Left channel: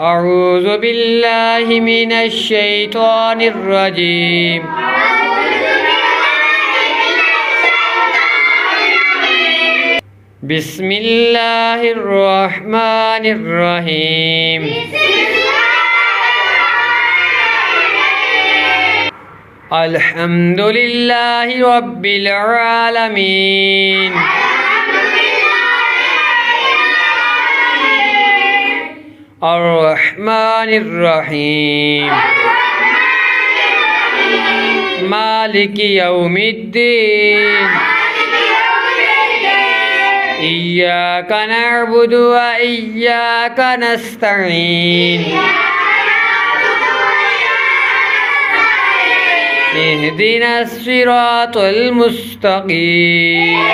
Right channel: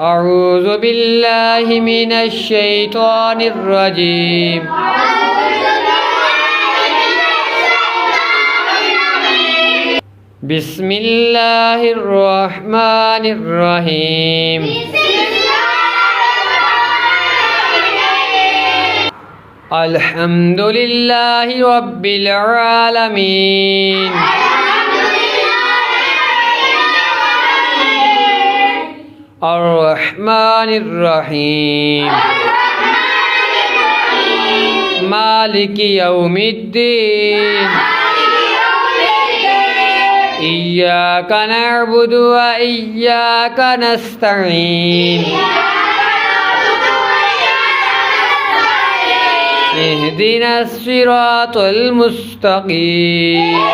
أعوذ بالله من الشيطان الرجيم. بسم الله الرحمن الرحيم. الحمد لله رب العالمين. الرحمن الرحيم. مالك يوم الدين. إياك نعبد وإياك نستعين. اهدنا الصراط المستقيم.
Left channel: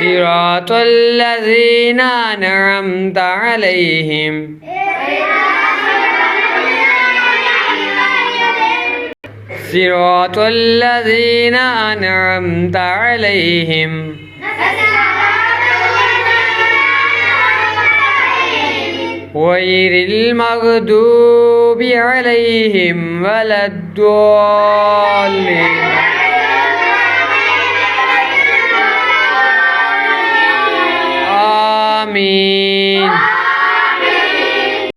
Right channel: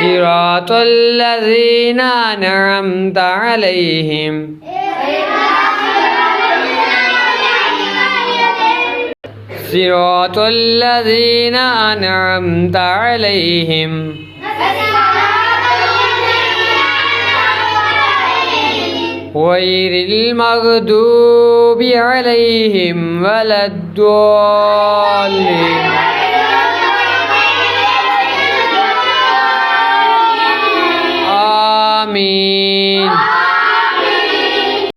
صراط الذين أنعمت عليهم. صراط الذين أنعمت عليهم غير المغضوب عليهم ولا الضالين.